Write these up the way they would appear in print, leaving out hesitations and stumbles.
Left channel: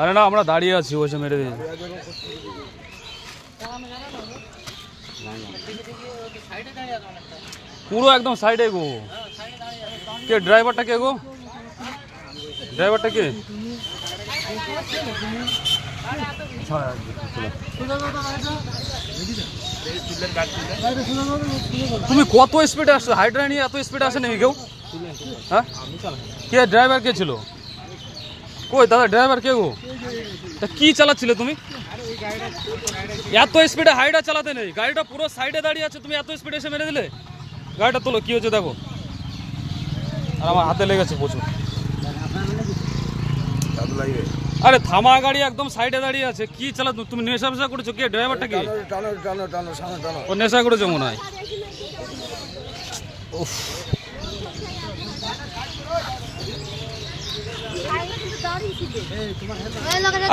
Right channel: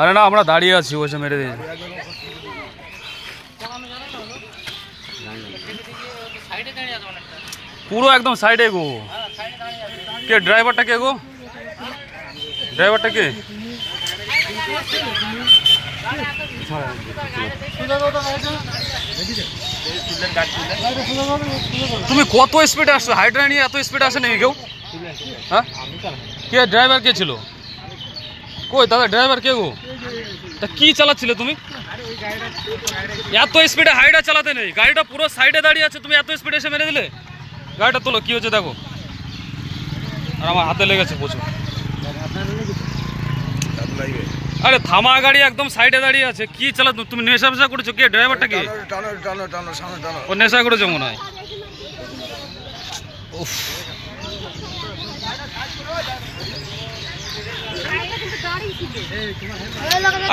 আরে না, আমরা দাঁড়িয়ে আছি, ওইসব মেরে দিয়েছে। পুরো একদম সাইডে গো। কে ড্রাইভারটা কে গো? ড্রাইভারটা কে? তুমি কত স্পিডে আসছো? হাইড্রা নিয়ে এত স্পিডে আসে নাকি কেউ? হ্যাঁ, কে ড্রাইভার কে ছিল? কই দাদা ড্রাইভার কে গো? তা কি চালাচ্ছিলে তুমি? এত স্পিডে হাইড্রা চালাতে নেই, গাড়িটা পুরো সাইডে দাঁড়িয়ে আছে, তুমি এত স্পিডে এসে মেরে দিলে। গাড়িটা তোলো, কি হচ্ছে দেখো। আর আমার হাতে লেগেছে প্রচুর। আরে থামা গাড়ি একদম সাইডে দাঁড়িয়ে আছে, কি চালাতো তুমি? নেশা ফেশা করেছো? কে ড্রাইভারটা কে? ও নেশা করেছো মনে হয়।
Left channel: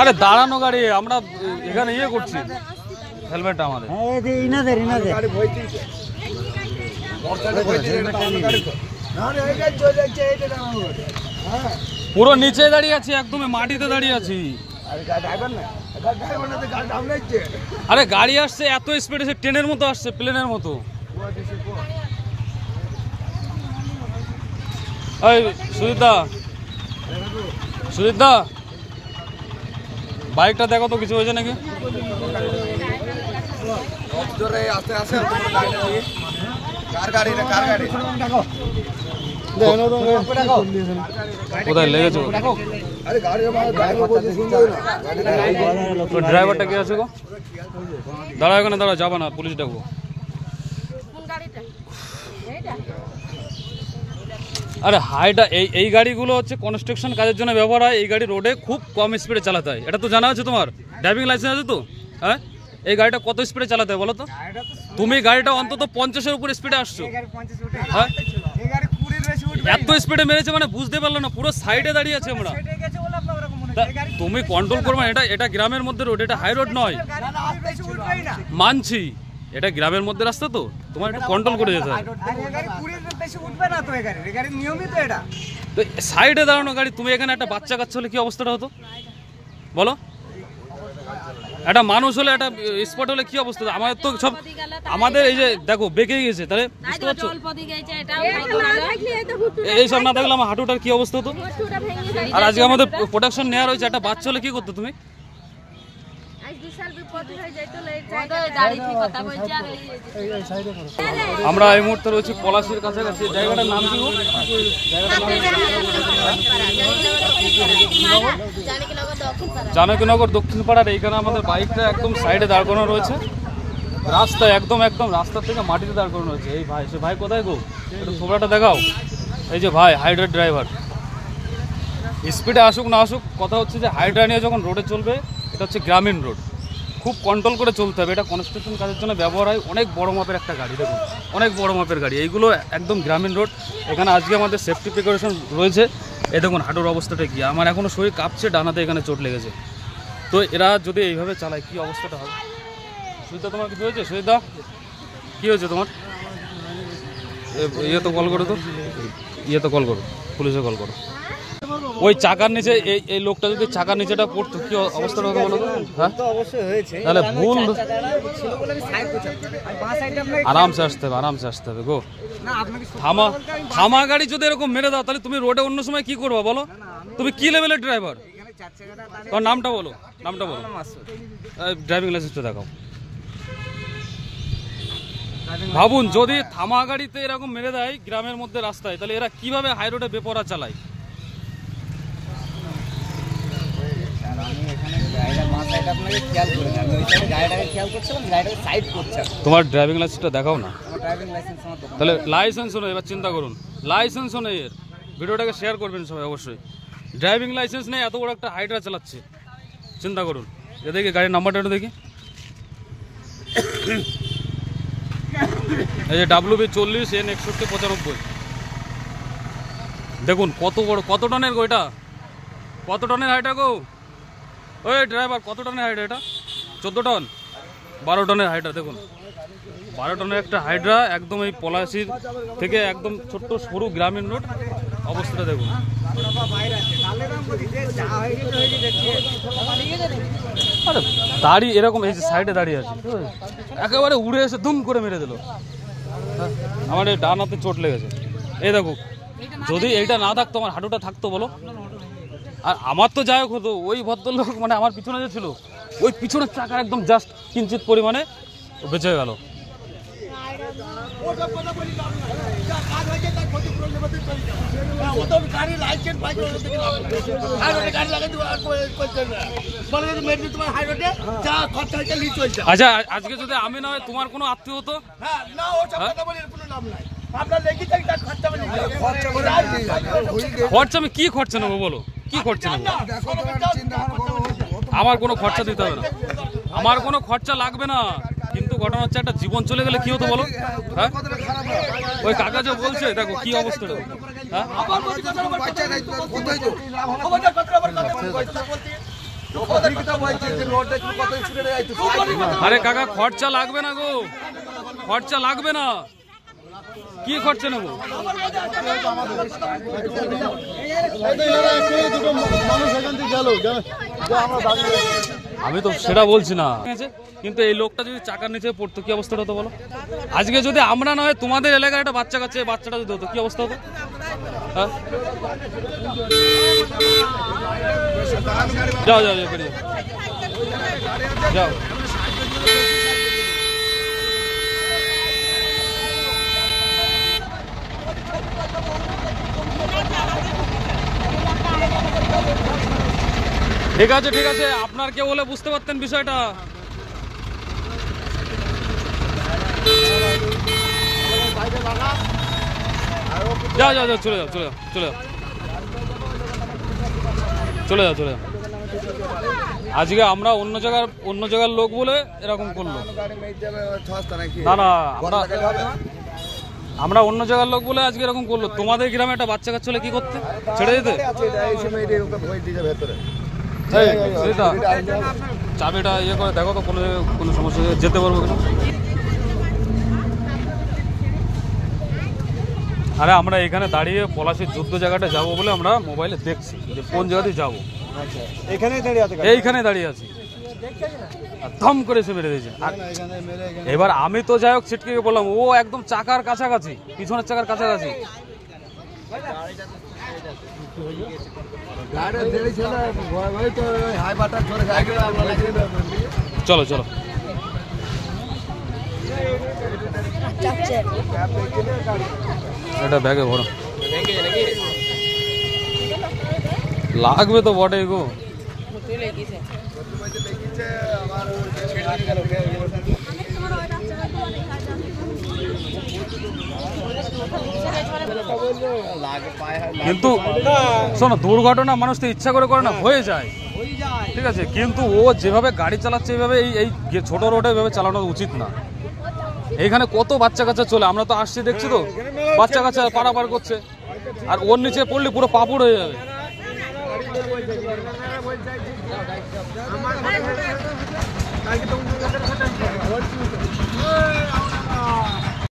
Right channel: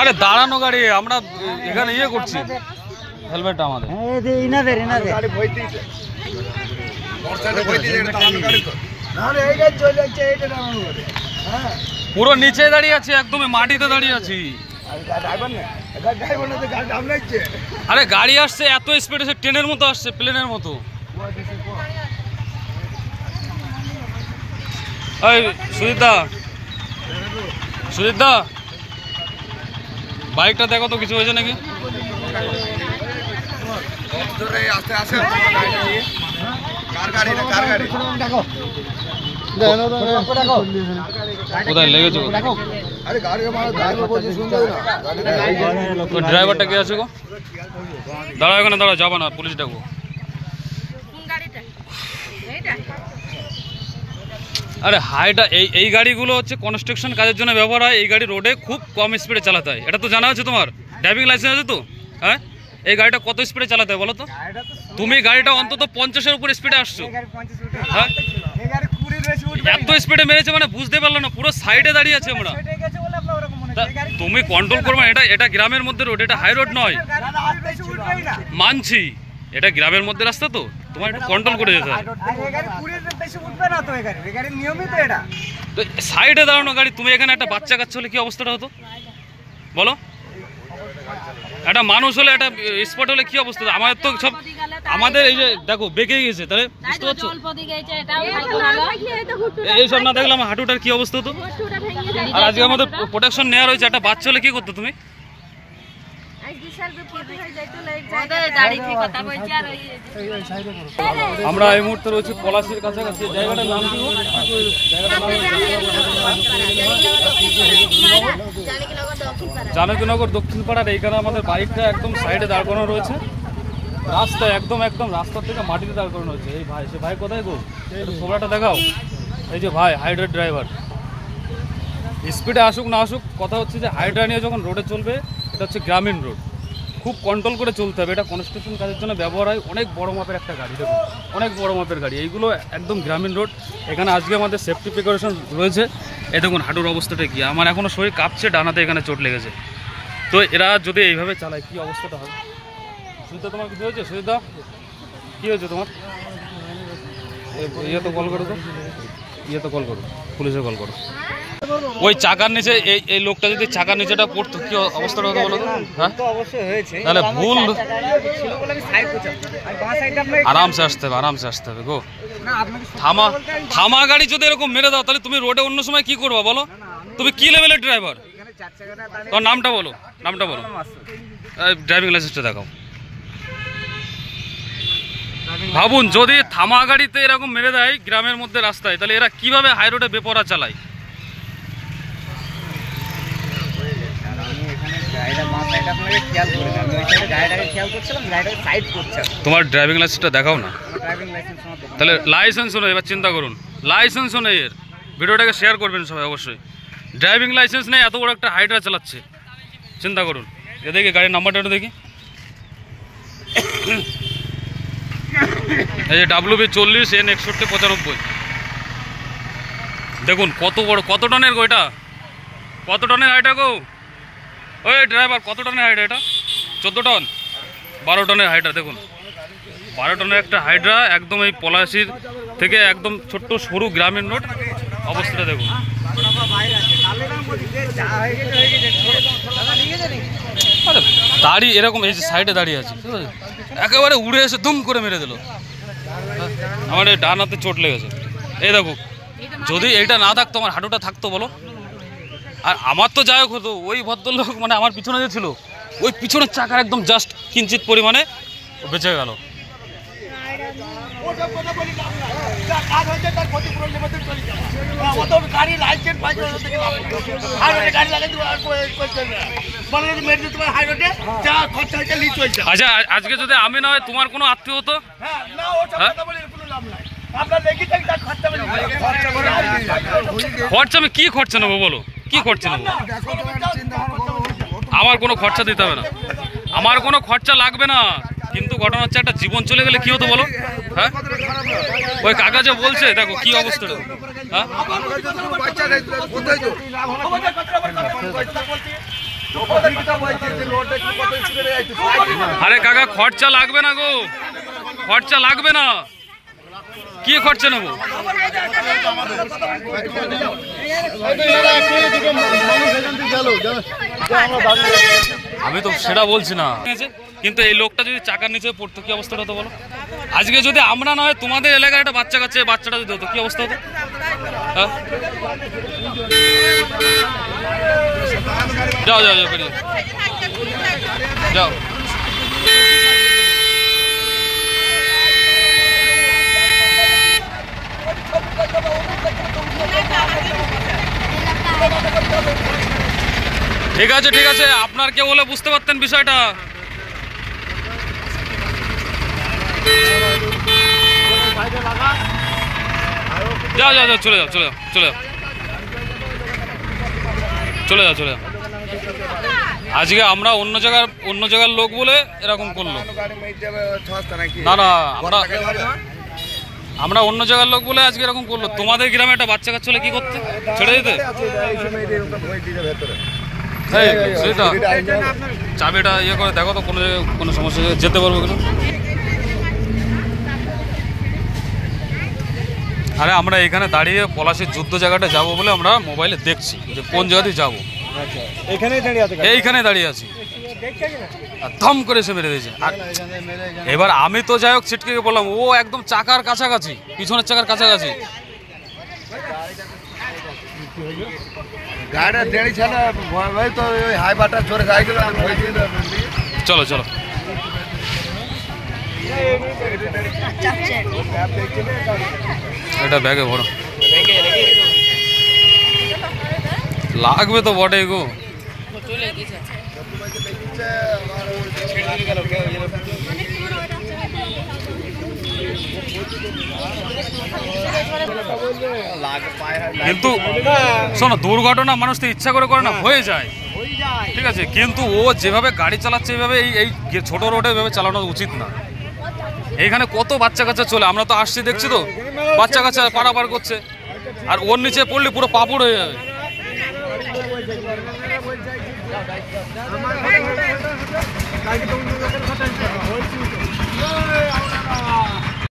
আরে দাঁড়ানো গাড়ি, আমরা এখানে ইয়ে করছি, হেলমেট আমাদের। পুরো নিচে দাঁড়িয়ে আছি, একদম মাটিতে দাঁড়িয়ে আছি। আরে গাড়ি আসছে এত স্পিড, ট্রেনের মতো আসছে, প্লেনের মতো। সুজিত দা বাইকটা দেখো তো, কিছু হয়েছে নাকি? কোথায় লেগেছে? ড্রাইভারটা কে আছে গো? দাঁড়াও এখানে, দাঁড়াও, যাবো না, পুলিশ ডাকবো। আরে হাইটা এই গাড়িগুলো হচ্ছে কনস্ট্রাকশন কাজের জন্য ব্যবহার হয়। এই গাড়ি রোডে খুব কম স্পিডে চালাতে হয়, এটা তো জানা আছে তোমার। ড্রাইভিং লাইসেন্স আছে তো? হ্যাঁ, এই গাড়িটা কত স্পিডে চালাতে হয় বলো তো? তুমি গাড়িটা অন্তত 50-এর উপরে স্পিডে আসছো। হ্যাঁ, এত স্পিডে মেরেছে মানে বুঝতে পারলো না, পুরো সাইডে দাঁড়িয়ে আছে আমরা। তুমি কন্ট্রোল করবে, এটা গ্রামের মধ্যে রোড, এটা হাই রোড নয়। মানছি, এটা গ্রামের মধ্যে রাস্তা, তো তোমার একটু কন্ট্রোল করে যেতে হয়। সাইডে দাঁড়ানো গাড়ি, তুমি এখানে একটা বাচ্চা কাচ্চা হলে কি অবস্থাটা হতো বলো? একটা মানুষ হলে, একটা স্পট হলে কি অবস্থা? আমাদের তো সব, আমাদের এই যে দেখো বেঁকে গেছে, তাহলে বুঝতে পারছো? এইসব না দেখলে আমার হাঁটুটার কি অবস্থা হতো? আর আজকে আমাদের প্রোটেকশন নেওয়া রয়েছে, একটা বাচ্চা হলে কি করতো তুমি? আমরা এই মুহূর্তে রয়েছি পলাশির কাছাকাছি। জায়গাটার নাম কি? জানকীনগর দক্ষিণ পাড়ার এইখানে আমাদের বাইকটা একদম সাইডে দাঁড় করানো রয়েছে, রাস্তায় একদম রাস্তা থেকে মাটিতে দাঁড় করানো রয়েছে। এই ভাই, সে ভাই কোথায় গো? সোলাটা দেখাও। এই যে ভাই হাইড্রা ড্রাইভার, স্পিডে আসুক না আসুক, কথা হচ্ছে যে হাইড্রা নিয়ে যখন রোডে চলবে, এটা হচ্ছে গ্রামীণ রোড, খুব কন্ট্রোল করে চলতে হবে। এটা কনস্ট্রাকশন কাজের জন্য ব্যবহার হয়। অনেক বড় মাপের একটা গাড়ি, দেখুন অনেক বড় মাপের গাড়ি। এইগুলো একদম গ্রামীণ রোড। এখানে আজকে আমাদের সেফটি প্রিকশন রয়েছে। এই দেখুন হাঁটুর অবস্থাটা কি, আমার এখনও শরীর কাঁপছে, ডানাতে এখানে চোট লেগেছে। তো এরা যদি এইভাবে চালায় কি অবস্থাটা হবে? সুবিধা, তোমার কিছু হয়েছে? সুবিধা, কী হয়েছে তোমার? ইয়ে তো কল করো, তো ইয়ে তো কল করো, পুলিশে কল করো। ওই চাকার নিচে এই লোকটা যদি চাকার নিচেটা পড়তো কি অবস্থাটা হতো বলো তো? হ্যাঁ, তাহলে ভুল। আরামসে আসতে হবে, আরামসে আসতে হবে গো। থামা গাড়ি যদি এরকম মেরে দাও, তাহলে তুমি রোডে অন্য সময় কি করবা বলো? তুমি কি লেভেলের ড্রাইভার? তোর নামটা বলো, নামটা বলো, ড্রাইভিং লাইসেন্সটা দেখাও। ভাবুন, যদি থামা গাড়িতে এরকম মেরে দেয় গ্রামের মধ্যে রাস্তায়, তাহলে এরা কিভাবে হাই রোডে বেপরোয়া চালায়? তোমার ড্রাইভিং লাইসেন্সটা দেখাও না। তাহলে লাইসেন্সও নেই, এবার চিন্তা করুন, লাইসেন্সও নেই এর। ভিডিওটাকে শেয়ার করবেন সবাই অবশ্যই। ড্রাইভিং লাইসেন্স নেই, এত বড় একটা হাইড্রা চালাচ্ছে, চিন্তা করুন। এ দেখি গাড়ির নাম্বারটা দেখি, এই যে WB40N6195। দেখুন কত বড়, কত টনের গো এটা? কত টনের হাইড্রা গো? ওই ড্রাইভার, কত টনের হাইড্রা এটা? 14 টন, 12 টনের হাইড্রা। দেখুন 12 টনের একটা হাইড্রা, একদম এই পলাশির থেকে একদম ছোট্ট সরু গ্রামীণ রোড, অবস্থাটা দেখুন। আরে দাড়ি এরকম এই যে সাইডে দাঁড়িয়ে আছে, একেবারে উড়ে এসে দুম করে মেরে দিল। আমার এই ডান হাতে চোট লেগেছে। এই দেখো, যদি এইটা না থাকতো আমার হাঁটুটা থাকতো বলো। আর আমার তো যাই হোক হতো, ওই ভদ্রলোক মানে আমার পিছনে যে ছিল ওই পিছনের চাকার একদম জাস্ট কিঞ্চিত পরিমাণে ও বেঁচে গেল। আচ্ছা, আজকে যদি আমি না হয় তোমার কোনো আত্মীয় হতো, খরচা আমি কি খরচা নেবো বলো, কি খরচা নেবো? আমার কোনো খরচা দিতে হবে না, আমার কোনো খরচা লাগবে না। কিন্তু ঘটনা হচ্ছে একটা জীবন চলে গেলে কি হতো বলো? হ্যাঁ, ওই কাকা যে বলছে দেখো কি অবস্থাটা। হ্যাঁ, আরে কাকা খরচা লাগবে না গো, খরচা লাগবে না, কি খরচা নেবো? আমি তো সেটা বলছি না, কিন্তু এই লোকটা যদি চাকার নিচে পড়তো কি অবস্থা হতো বলো? আজকে যদি আমরা না হয় তোমাদের এলাকার একটা বাচ্চা কাছে বাচ্চাটা যদি হতো কি অবস্থা হতো? হ্যাঁ, যাও যাও যাও বেরিয়ে যাও। ঠিক আছে ঠিক আছে, আপনার কেউ হলে বুঝতে পারতেন বিষয়টা। যাও যাও যাও, চলে যাও চলে যাও চলে যাও চলে যাও চলে যাও। আজকে আমরা অন্য জায়গার লোক বলে এরকম করলো। না না, আমরা অন্য জায়গার লোক বলে আজকে এরকম করলো। তোমাদের গ্রামে একটা বাচ্চা কাচ্চা হলে কি করতে? ছেড়ে দিতে? সেটা চাবিটা ইয়ে করে দেখো তো কোনো সমস্যা যেতে পারবো কিনা। আরে আমরা এখানে দাঁড়িয়ে পলাশির যুদ্ধ জায়গাটা যাবো বলে আমরা মোবাইলে দেখছি যে কোন জায়গাতে যাবো। এইখানে দাঁড়িয়ে আছি, ধম করে এসে মেরে দিয়েছে। আর এবার আমি তো যাই হোক ছিটকে বললাম, ও একদম চাকার কাছাকাছি, পিছনের চাকার কাছাকাছি। চলো চলো, এটা ব্যাগে ভরো, লাগবে তো বটে গো। কিন্তু শোনো, দুর্ঘটনা মানুষ তো ইচ্ছা করে না, হয়ে যায়, ঠিক আছে, কিন্তু ও যেভাবে গাড়ি চালাচ্ছে এইভাবে এই ছোট রোডে এভাবে চালানো উচিত না। এইখানে কত বাচ্চা কাচ্চা চলে, আমরা তো আসছি দেখছি তো, বাচ্চা কাচ্চা পারাপার করছে, আর ওর নিচে পড়লে পুরো পাপড় হয়ে যাবে।